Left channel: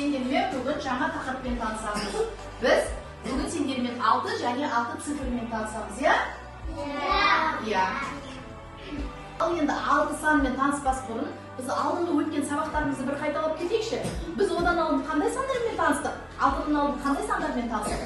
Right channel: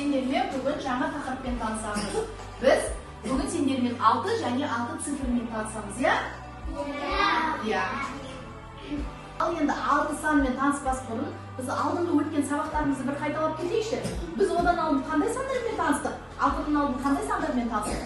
Сендермен бүгін жаңа тақырыппен танысамыз. Біз бүгін сендермен 6 және 6 цифрмен танысамыз, иә? Иә. Ал енді 6 санмен таныспас бұрын, біз алдыңғы өткен сабақтарымызды бір қайталап кетейікші. Біз одан алдын қандай сандармен таныстық? 6-дан алдын қандай сандармен таныстық?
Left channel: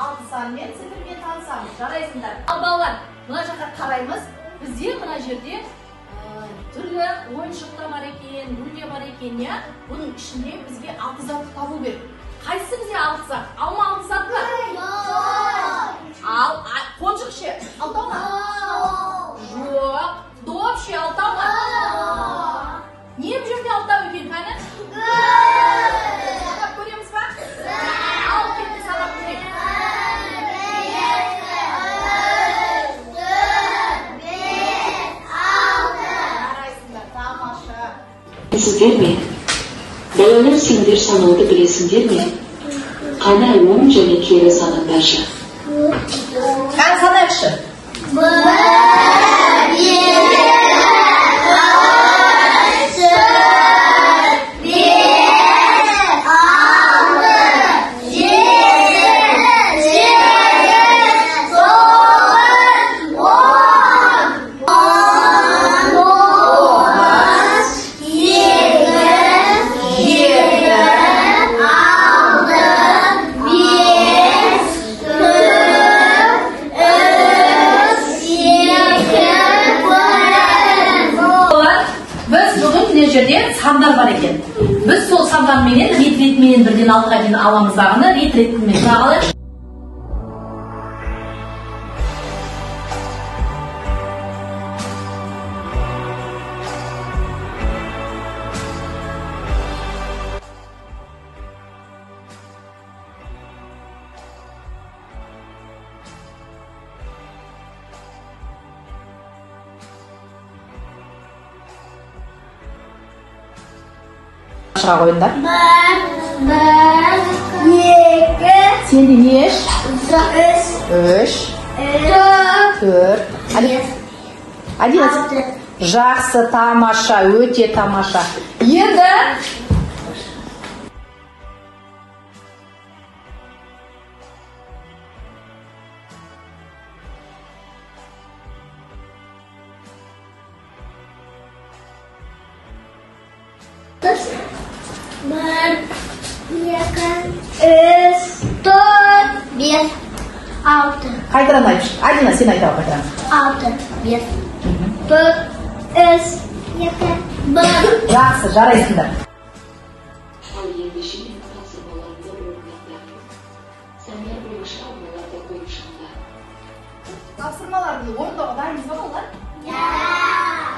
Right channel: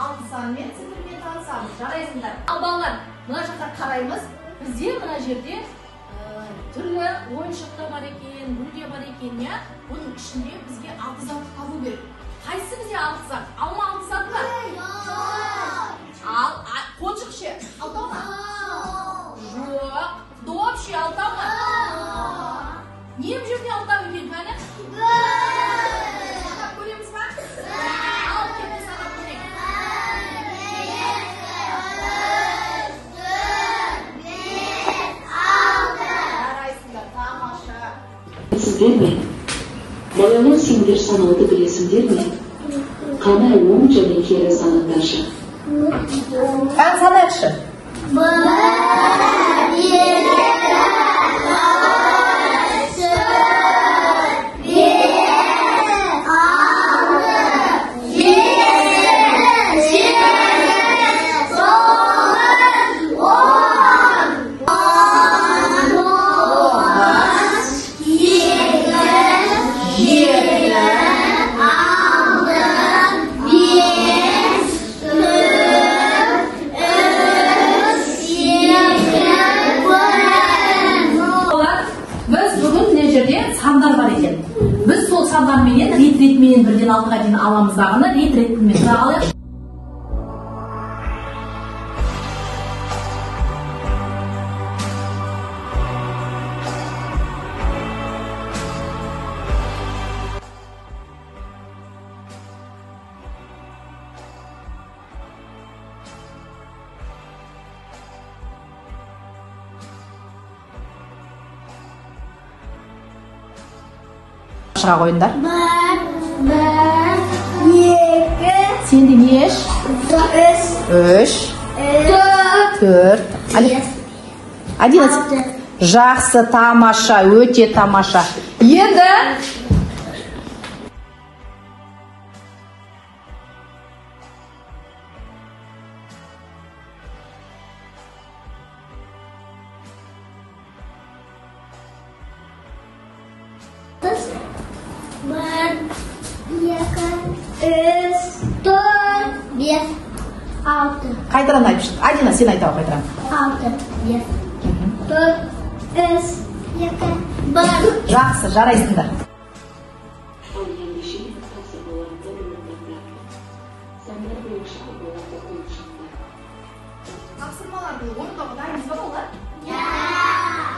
6 санмен цифрмен танысамыз. Жарайсыңдар. Ал балалар, мына жаққа қараймыз. Бізде мына жерде түрлі ойыншықтар бар екен, гүлде бар екен, иә? Бұның ішінде бізге 6 зат табу керек. Қайсысы бізде 6 зат? Алма 6 зат бар? Ал қоншық ше, алтау ма? Жоқ. Доп ше, алтау ма? Не бұл жерде алтау екен, пәні? Санап көреміз ба? Ал кетті санап көрейік. Білесіздер ме? Балалар сендер санауды білесіңдер ме? Қана оң және кері санаңдаршы. Қан санайықшы. 1, сандар бар екен. Біз сол сандарменен рет-ретменен бірден 6-ға дейін аламыз дағыны рет-ретменен сұрағалайық. Шырақ ойындар. 1, 2, Сенде не еш? 3, 4, 11. Жақсы, тамаша, өте тамаша. Енді қайтадан айтшы. Адина, сен айта қайтадан. 6, 1, 4, 3, 2, 1. Жақсы, жарайсыңдар. Ал ендеше тақсы болатты орындаңдар. Сендер болашақ оларды көріп шыңдар. Тапсырмаларды орындауға дайынбыз ба балалар?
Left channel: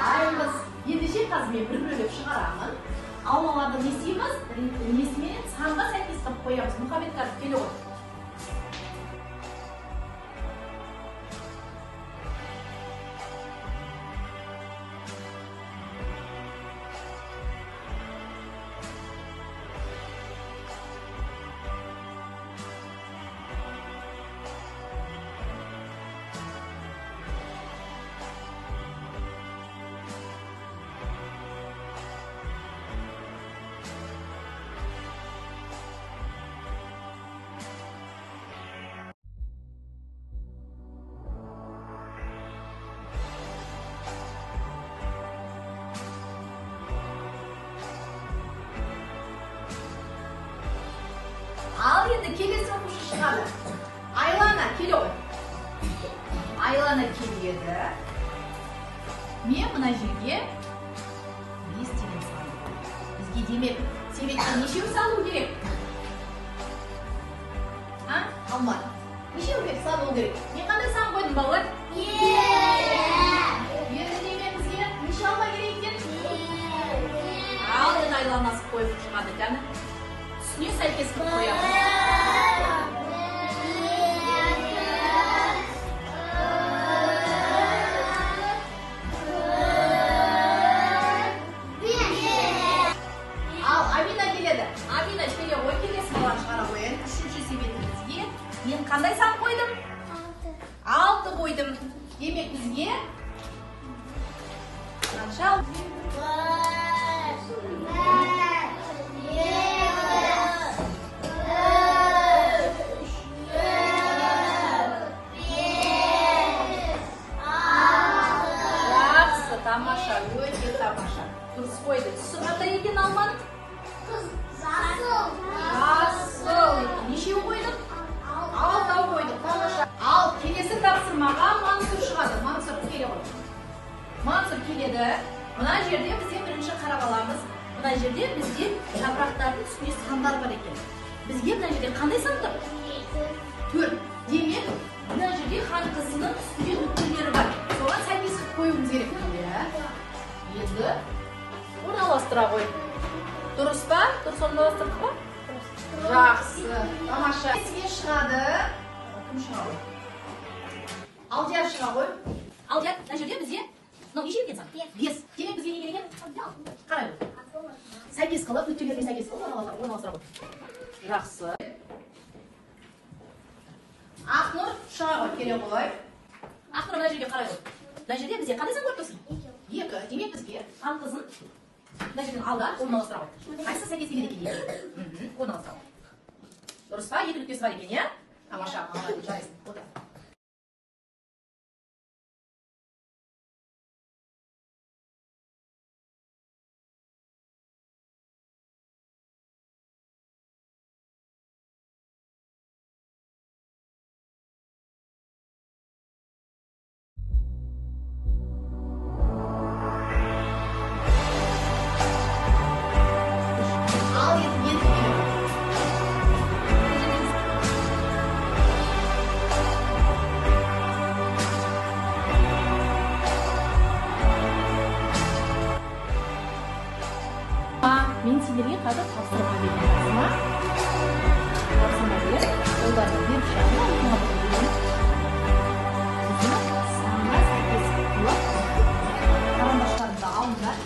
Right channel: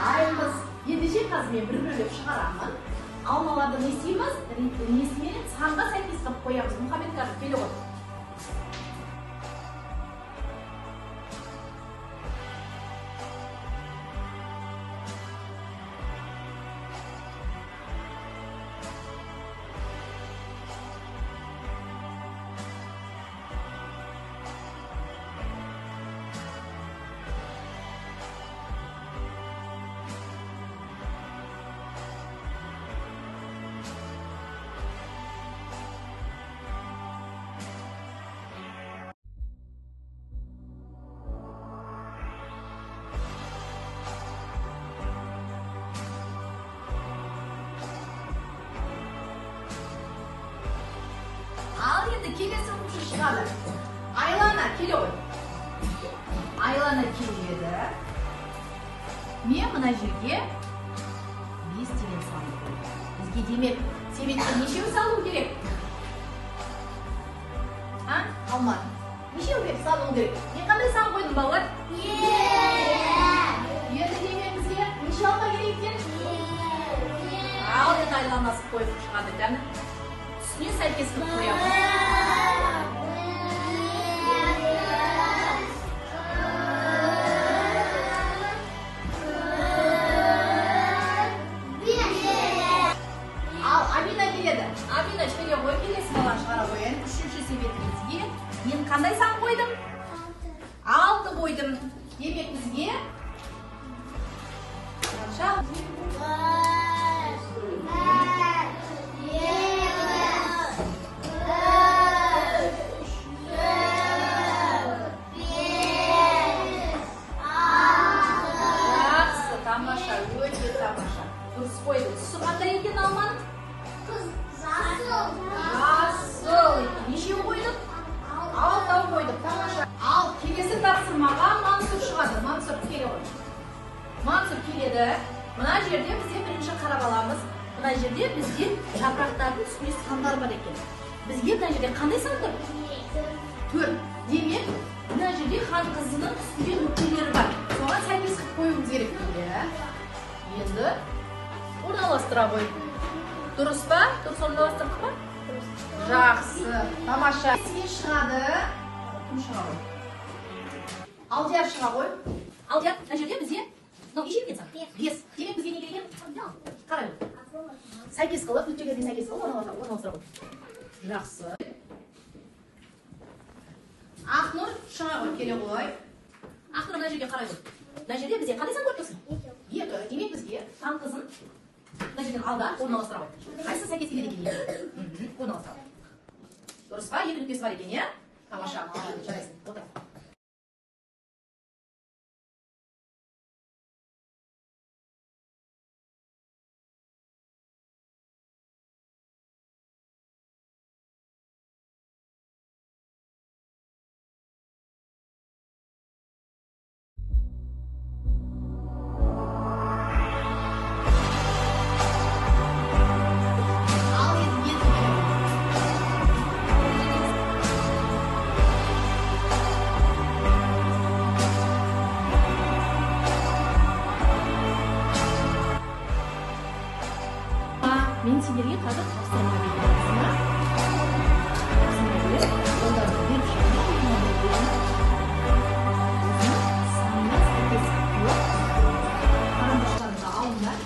Дайынбыз. Ендеше қазір мен бір бөліп шығарамын. Алмаларды не істейміз? Несімен санға сәйкес қылып қоямыз. Мұхаммедкар, келе ғой. Ал енді келесі оқушы шығады. Айлана, келе ғой. Айлана келеді. Мен мына жерге 5 деген санды қойдым. Бізге демек, себетке нешеу салу керек? Алмат. Нешеу керек салу керек? Не қандай сан қойдың балалар? Енді демек бізге неше алма керек екен? Ал енді айланасы қойып шығады екен. Үстіне сәйкес қылып қоямыз. Ал Амина келеді. qanday san qo'ydim? 6 qo'ydim. Demak bizga qancha? 5, Tamasha, yo'lga tamasha. Durust qo'ydi. Suv qanday ekan olmanim? Asıl. Necha qo'ydim? 6 qo'ydim. Tamasha. Al, kelesi taqsimga Mansur chiqadi. Mansur keladi. Mansur keladi. Mana yerda biz birinchi qarab olamiz. Mana yerda bizga yaproqlarning ustiga sanlar bor ekan. Bizga mana yerda qanday san tur? 4. Demak, mana yerda xon qizining ustiga nuqtalari bor. Sonra 8 qilib qo'yishimiz kerak bunga. Endi o'rnalashtirib qo'ydik. Durustmi? Durust o'rnalashtirdikmi? Yaxshi. Tamasha. Sizga chiqadi. Kim chiqadi? Aldiyar chiqadi. Aldiyar, mana yerga bizga nima ish ketsa? 5. Demak bizga nega kerak? Qarang. 8 qilib, ichiga 8 qilib o'rnalashtirib. Yaxshi. Aqnur chiqadi kerak qo'y. Aqnur mana yerga qarang. Mana yerga bizga qanday san ko'rib tursin? 2. Demak bizga ham qizim mana yerga aldan o'rnalashtirib. Qaysi 8 keladi ekan? O'rnalashtirib. Durustmi? Yeni nukes bor ekan, ya? Tamasha, joysin. O'tir. Men sizlarga qadar topshiriq berganman. Sizlarga ularni berishadi, albatta. Sanmas etkisi qarindoshlarimizni olinglar.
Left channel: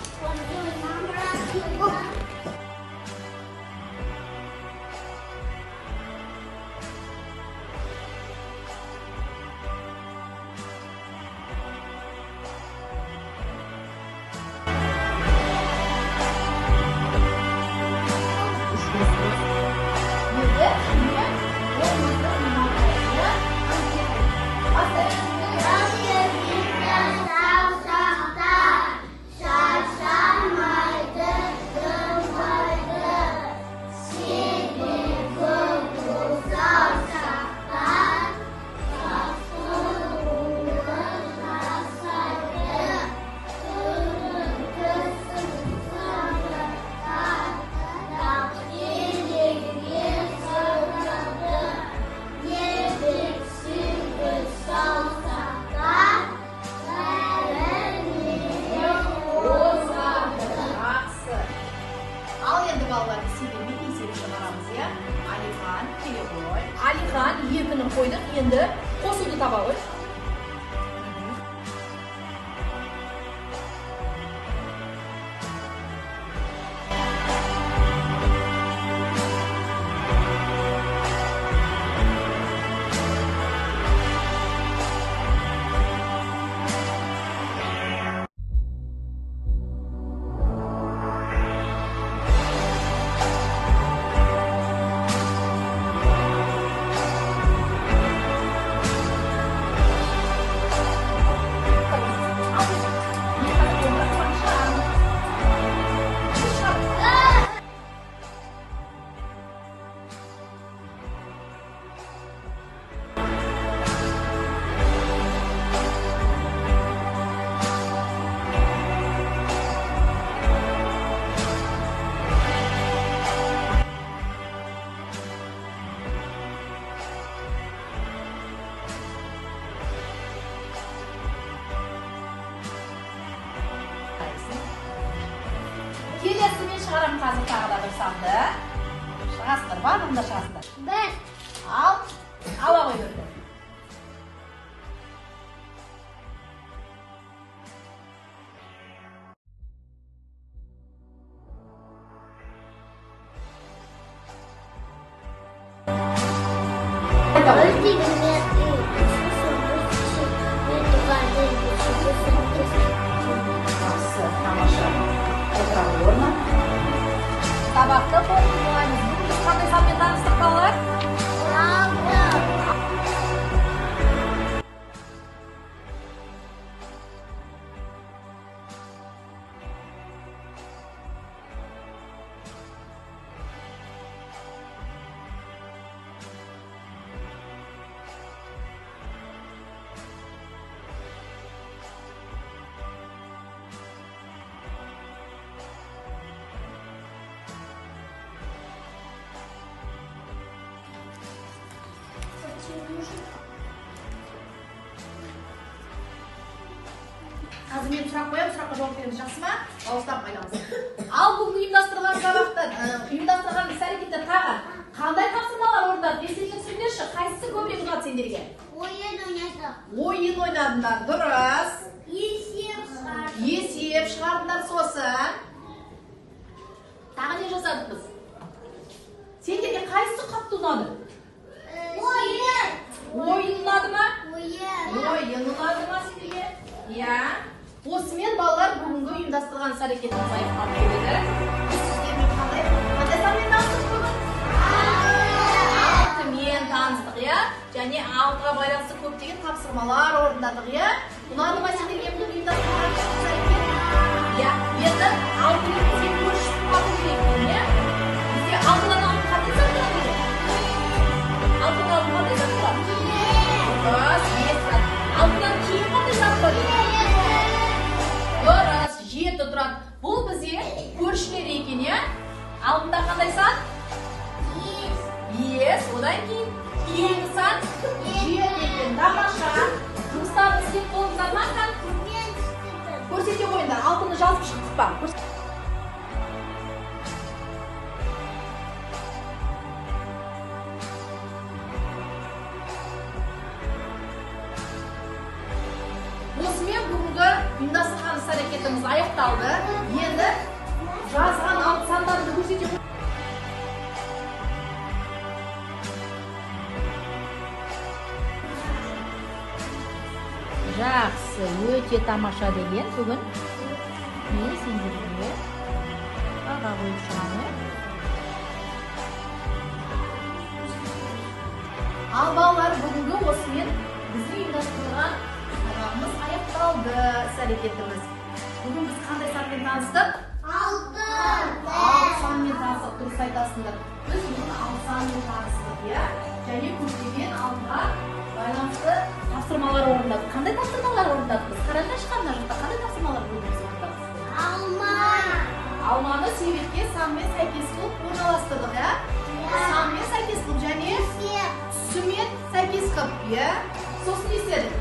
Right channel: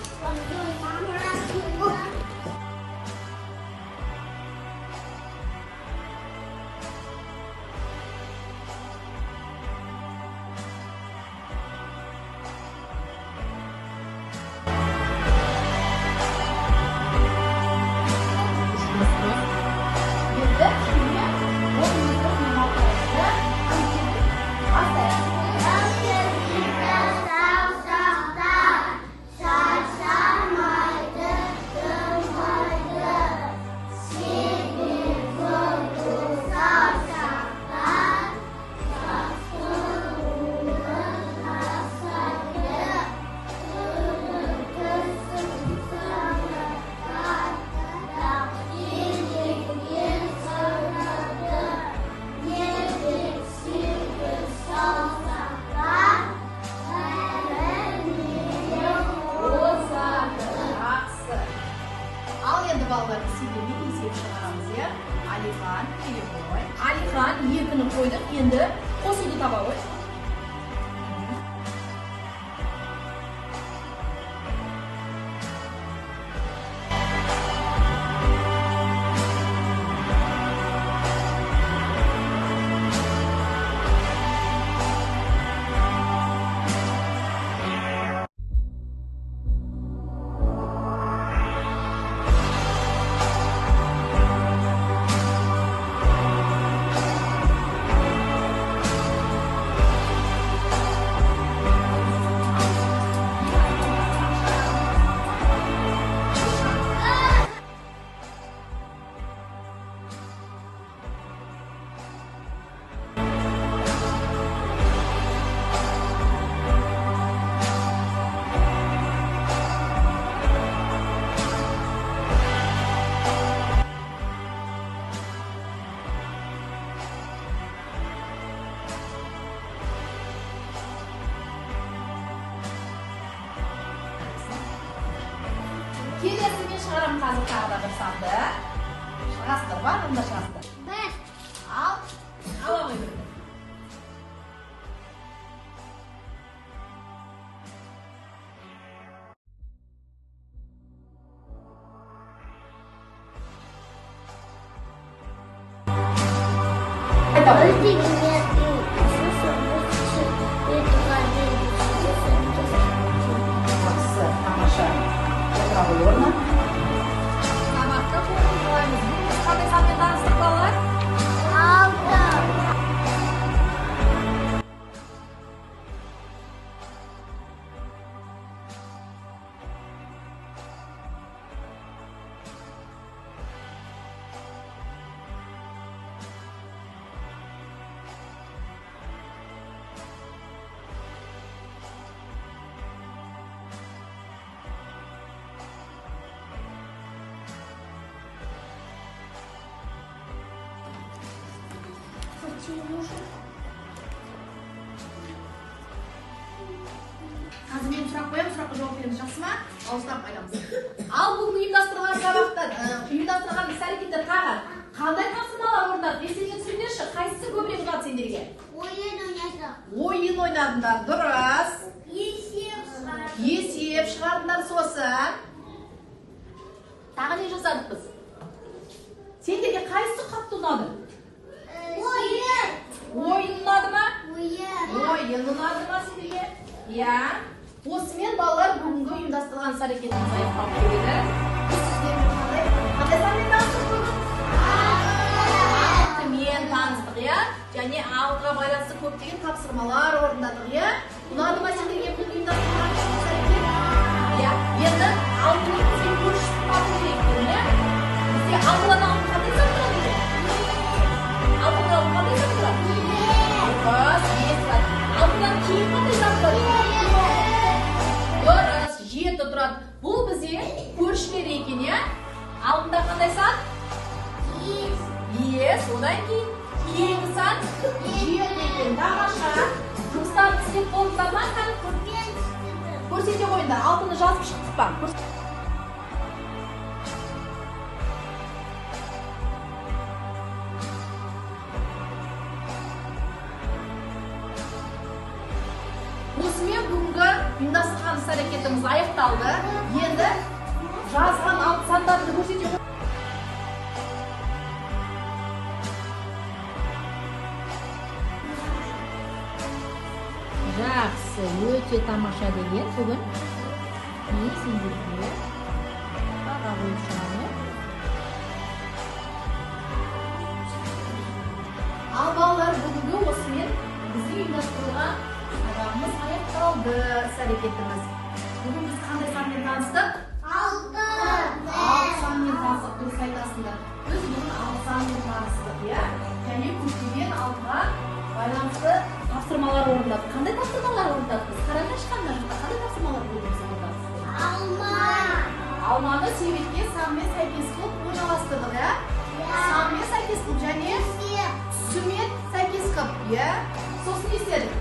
Ballar sevimli insektion aramizga Alixon kelib. Alixon yekini qo'ydik, endi qo'shiqni topamiz. Kelesini chiqarim hozir tag'da bir sonda. Shastir bor, unda shastir. 1. Al. Aloqa yo'q. Жақсы, тамаша. Bravo, орны. Сабақта қоңыз Бүгін біз қандай санмен таныстық балалар? Қазір мен сұрақ қоямын, сұраққа жауап береміз, жақсы ма? Дауыстап қайтамыз. Ал бүгін ұйымдастырылған сабақта, ұйымдастырылған іс-әрекеттер тағы қандай тапсырмалар орындады? Естеріңе түсіріңдерші, қайсысы көбірек ұнады сендерге? Ойын ойнадыңдар, дұрыс. Есеп шығардыңдар, сосын. Тағы не жасадық біз? Сендерге қайсысы қатты ұнады? Ойын ұнады ма? Ойын ұнады ма сендерге? Иә. Осымен балалар бүгінгі ұйымдастырылған іс-әрекетіміз аяқталып келеді. Біз сіздермен қандай санмен таныстық бүгін? 6-мен таныстық, иә? Және 6-ға байланысты көптеген тапсырмалар орындадық, иә? Ұнады ма сендерге бүгін ұйымдастырылған іс-әрекет? Иә. Енді 6-мен бізге көршіп қалу керек, иә? Бізге 6-дан 6 қандай зат тұрады екен? 6-дан 6 қандай зат тұрады? 5 зат. 6-дан кейін қандай зат тұрады? Дұрыс, 7 тұрады. Бұл бізде көршілер екен, иә? Алдында қандай сан? 5. Одан кейін кейінгі сан 7 екен. Тамаша. Жұмыстарын істеп болыңыздар ма? Көрсете қойыңдар. 6-ны жазып шықтық па? Осымен бүгінгі ұйымдастырған іс-әрекетіміз аяқталды. Енді жазған 6 сандарды көрсете қойыңдар. Жақсы, өте тамаша деген бүгін мен сендерге баға қойып шығамын. Ал балалар, бүгінгі осымен бізге ұйымдастырылған сабағымыз аяқталды, іс-әрекетіміз. Бүгін біз қандай санмен таныстық? 6 санмен таныстық, дұрыс айтасыңдар. Біз бүгін 6 санмен таныстық, иә? Және көптеген 6-ға байланысты тапсырмалар орындадық. Қандай тапсырмалар орындадық біз? Қараңдаршы мына жақта қандай тапсырмалар болды біз орындадық? Алманы себетке санмен сәйкес қылып орналастырдық, иә? Санмен сәйкес қылып және түсімен сәйкес қылып, иә? Сосын не істедік?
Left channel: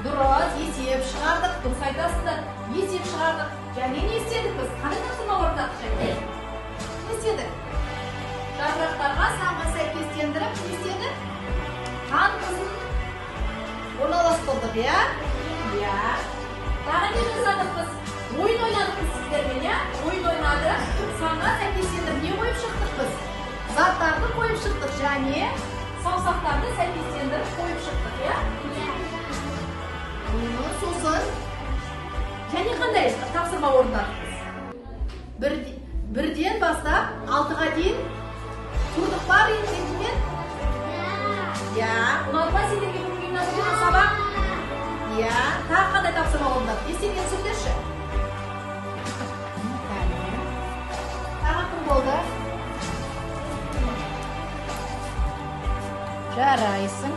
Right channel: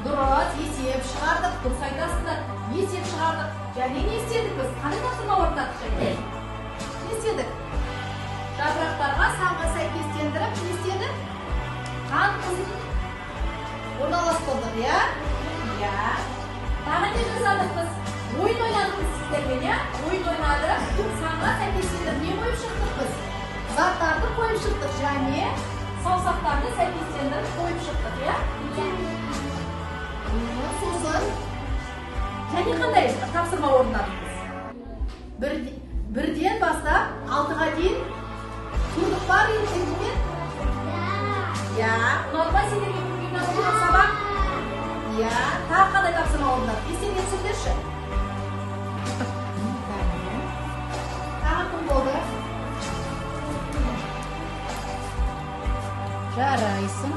Дұрыс, есеп шығардық, дұрыс айтасыздар. Есеп шығардық. Және не істедік біз? Қандай тапсырма орындадық және? Не істедік? Жапырақтарға санға сәйкестендіріп, не істедік? Қан қызын орналастырдық, иә? Иә. Тағы не жасадық біз? Ойын ойнадық біз сіздермен, иә? Ойын ойнадық. Санға сәйкестендіріп не қойып шықтық біз? Заттарды қойып шықтық және саусақтарды сәйкестендіріп қойып шықтық, иә? Сосын және қандай тапсырма орындадық біз? Бірден бастап 6-ға дейін тұрдық бар ертеңмен? Иә. Ұнады ма сендерге бүгін ұйымдастырылған сабақ? Иә. Тағы қандай тапсырма орындадық? Естеріңе түсіріңдерші. Тағы кім болды? Жарайсың.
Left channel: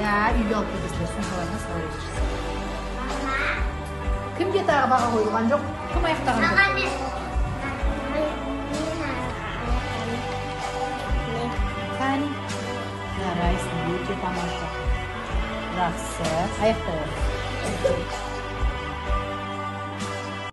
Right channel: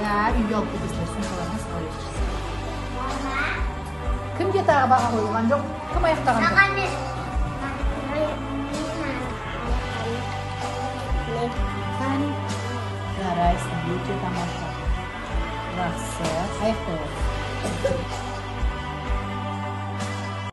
Иә, үйге алып кетесің, сумкаларына сала бересің. Кімге тағы баға қойылған жоқ? Кім аяқтаған жоқ? Кәне. Жарайсың, өте тамаша. Жақсы, аяқтай